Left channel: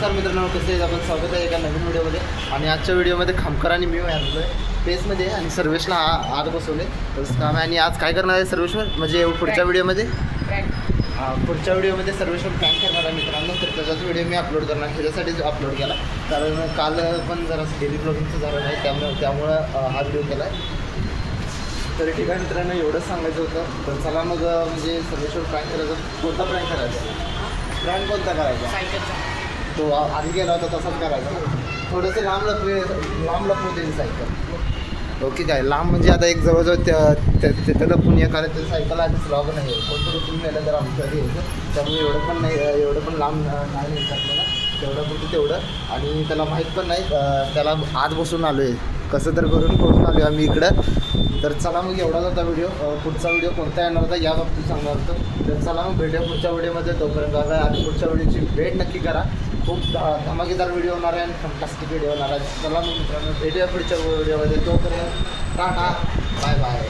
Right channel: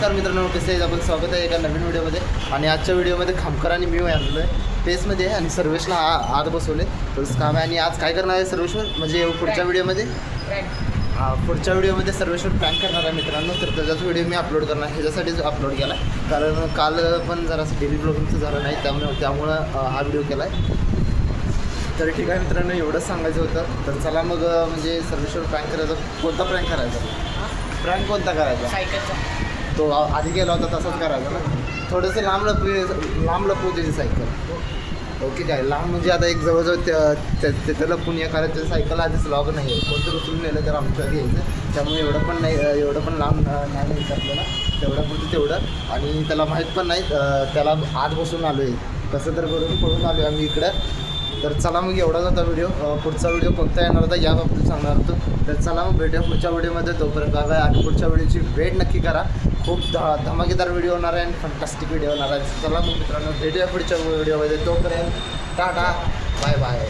नमस्कार मित्रांनो, कसे आहेत आपण? स्वागत आहे एका नवीन व्हिडिओमध्ये. आणि आजच्या व्हिडिओमध्ये खामकर आणि मी आलेलो आहे पेसमध्ये आणि सर्वेशला आत बसवले तसं काम आहे. आणि आज काय करणार आहे सर्वेश्वर म्हणजे पुढच्या व्हिडिओमध्ये पुढच्या व्हिडिओमध्ये सर्वेश्वर प्लॅन करणार आहे मित्रांनो. तर त्याचाच व्हिडिओ मी अपलोड करणार, ह्याच्यासाठीच अपलोड केला कारण काल पण जरासं डेली ब्लॉगिंगचं झालं नाही, त्यामुळं हा व्हिडिओ केला आहे. तर ठीक आहे मित्रांनो, एवढंच सांगायचं होतं. तर चला मग म्हणजे सर्वेश्वर प्रँक करायचं. कोणता प्रँक करायचा? प्रँक कोणता करायचा? तो आधी गेला होता तसाच करायचा ना. थोडंसं लांब लपवू त्याची सायकल. ओके काय लांब म्हणजे आता एक जवळजवळ तिथं लपून ये, कारण त्याचं सायकल आधीच लॉग नाही आहे. कोणतं लपून नेलं तर आमचं घ्यायचं, त्यामुळे एवढं पण लांब नाही विचारलं ना. तेवढं तेवढं. आणि त्याला माहीत पण नाही, त्याला आत बसून आलो आहे कसं तर करून आलो आम्ही इकडं. तर चला मग एवढाच होता व्हिडिओ. पुढचा व्हिडिओ कोणता येणार होता या बाबतीत सांगणार होतो. तर चला मग भेटूया पुढच्या व्हिडिओमध्ये. तोपर्यंत बघा आणि पुढच्या व्हिडिओची वेट नक्की करा. खूप धमाकेदार व्हिडिओ होणार आहे आणि फंटास्टिक व्हिडिओ होणार आहे. चला मग मित्रांनो भेटूया पुढच्या व्हिडिओमध्ये. तोपर्यंत टाटा, बाय बाय.